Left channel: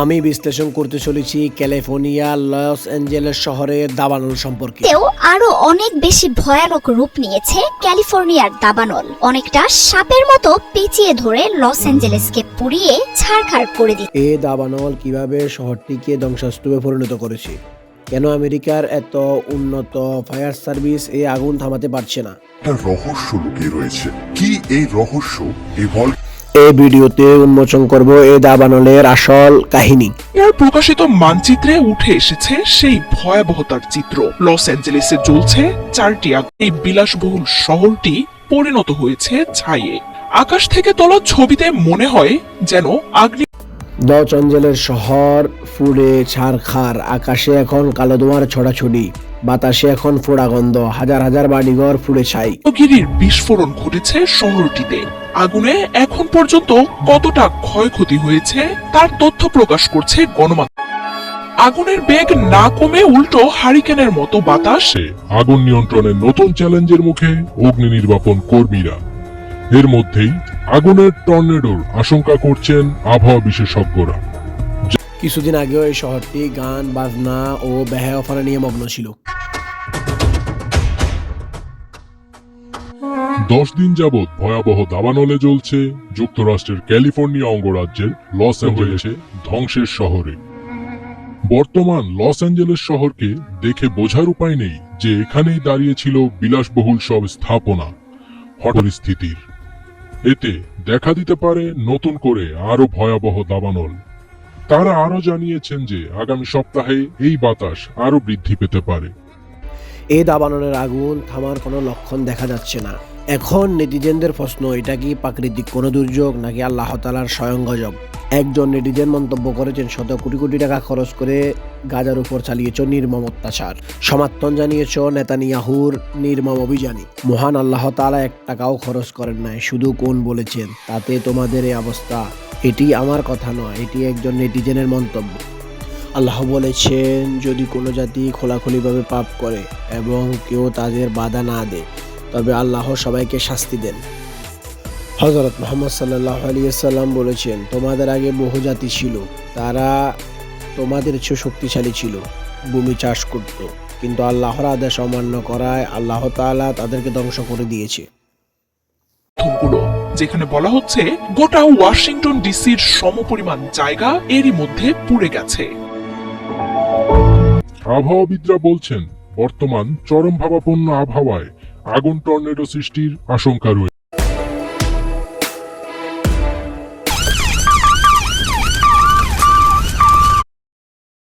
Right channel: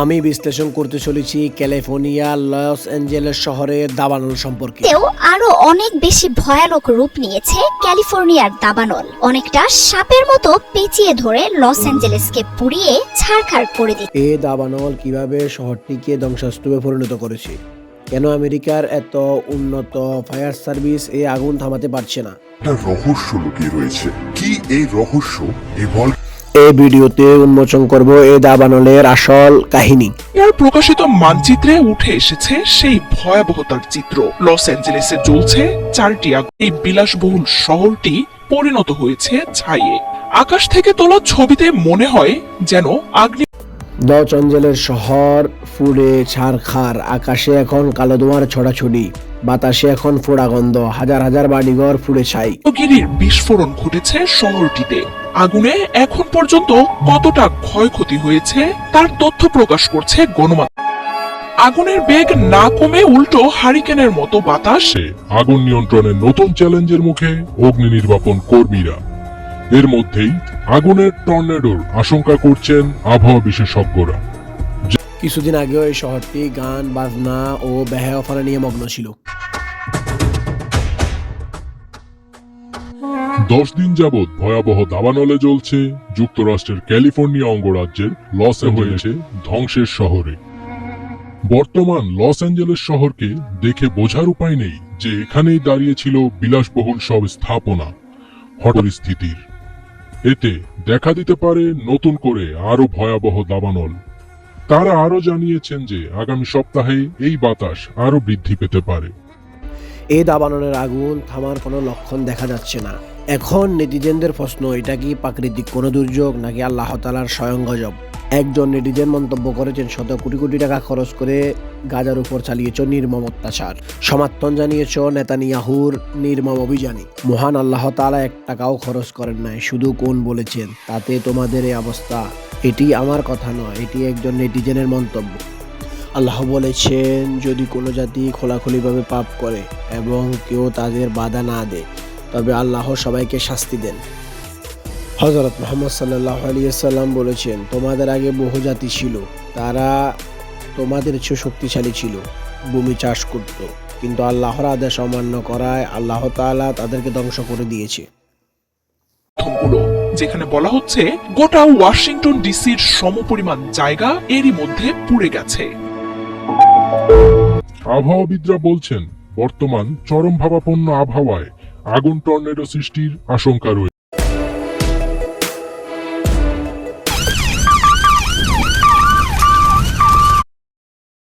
আমি বিশ্লেষণ করতে চলেছি ক্যালিফোর্নিয়া লস অ্যাঞ্জেলেস শহরের দাবানল সম্পর্কে। তেও আরো অনেক বেশি ভয়ানক রূপ নিয়েছে ক্যালিফোর্নিয়ার দাবানল। অনেকটা সাপের মতো পেঁচিয়ে ধরে লস অ্যাঞ্জেলেসকে পুড়িয়ে ছারখার করে দিচ্ছে। এই দাবানল কিভাবে শহরটিকে ধ্বংসস্তূপে পরিণত করেছে, কেন আমেরিকার এত উন্নত ফায়ার সার্ভিস এই আগুন থামাতে পারছে না, একটা রহস্য লুকিয়ে রয়েছে। কি এই রহস্য? এই ভিডিওতে উন্মোচন করব এই দাবানলের আসল কাহিনী। এর প্রকাশিত মানচিত্রে উঠে এসেছে সেই ভয়াবহতার চিত্র। লস অ্যাঞ্জেলেসে জ্বলছে 4টি আগুন। এই বিলাসবহুল শহরটি পরিণত হয়েছে ছাইয়ে। আকাশ থেকে তোলা ছবিতে মনে হয় যেন আগ্নি লস অ্যাঞ্জেলেস শহর ফুড়ে ছারখার, আকাশে এখন কালো ধোঁয়ার ছড়াছড়ি, বাতাসে এখন ফোড়া গন্ধ, হাজার হাজার বাড়িঘর পুড়ে ছাই। গিরির বিস্ফোরণ ঘটেছে শহরটিতে। আগুনে এখন পর্যন্ত কতটা ক্ষয়ক্ষতি হয়েছে তার তথ্য প্রকাশ করছে গণমাধ্যম। আগুনের বেগ না কমে উল্টো হারিকেনের মতো বাতাস। আগুন নিয়ন্ত্রণের নতুন চ্যালেঞ্জের মুখে অগ্নি নির্বাপন কর্মীরা। এর মধ্যেই আগুনের টর্নেডোর আশঙ্কা করছেন আবহাওয়া বিশেষজ্ঞরা। কিছুদিন আগেও এই শহরটি গান বাজনা ও বেহায়াফানা নিয়ে মগ্ন ছিল। 10 দিন যাবৎ ভয়াবহ দাবানলে জ্বলছে যুক্তরাষ্ট্রের ক্যালিফোর্নিয়া অঙ্গরাজ্যের লস হয়েছে ধ্বংসের শহরে। বর্তমান লস অ্যাঞ্জেলেস শহরকে দেখে বোঝার উপায় নেই যে এখানেই দাঁড়িয়ে ছিল বিলাসবহুল সব স্থাপনা। হঠাৎ স্থিতির এতে দেখা দিতে পারে নতুন করে আরো ভয়াবহ দাবানল। তারা আরো জানিয়েছেন যে আগামী সপ্তাহে এই বাতাস আরো বৃদ্ধি পেতে পারে। এই দাবানলের আগুন থামার কোনো লক্ষণ দেখা যাচ্ছে না। এখন নেটিজেনদের প্রশ্ন, এটা কি প্রাকৃতিক কোনো দুর্যোগ নাকি আল্লাহ তাআলার স্বয়ং গজব? একজন নেটিজেন মন্তব্য করেছেন, শত কোটি কোটি টাকা খরচ করে গাজার উপর চালিয়েছ নির্মম অত্যাচার, সমর্থন জানিয়েছ নেতানিয়াহুর নির্মম অভিযানে। মহান আল্লাহ তাআলা 1 টাকাও খরচ করেন নাই, শুধু কোন বলেছেন তাতে তোমাদের এই অবস্থা। এটি আমার কথা নয়, এটি একজন নেটিজেনের মন্তব্য। আল্লাহ বলেছেন, যদি কোনো জাতি খোলাখুলিভাবে পাপ করে এবং কেউ তাদের বাধা না দেয় তবে আল্লাহ সবাইকে শাস্তি দেন। হযরত মুহাম্মদ সাল্লাল্লাহু আলাইহি ওয়াসাল্লাম বলেছেন, তোমাদের আগে বহু জাতি ছিল, তারা তোমাদের চেয়ে শক্তিশালী ছিল, ভূমি চাষ করত, কিন্তু আল্লাহর আদেশ অমান্য করায় আল্লাহ তাআলা তাদেরকে ধ্বংস করে দিয়েছে। তথ্যগুলো যেখানে বলা হচ্ছে গোটা ওয়াশিংটন ডিসির সমপরিমাণ জায়গা এরই মধ্যে পুড়ে গেছে। আবহাওয়াবিদরা বলছেন, বর্তমান চরম ভাবাপন্ন আবহাওয়ায় আগুন টর্নেডো সৃষ্টির আশঙ্কা রয়েছে।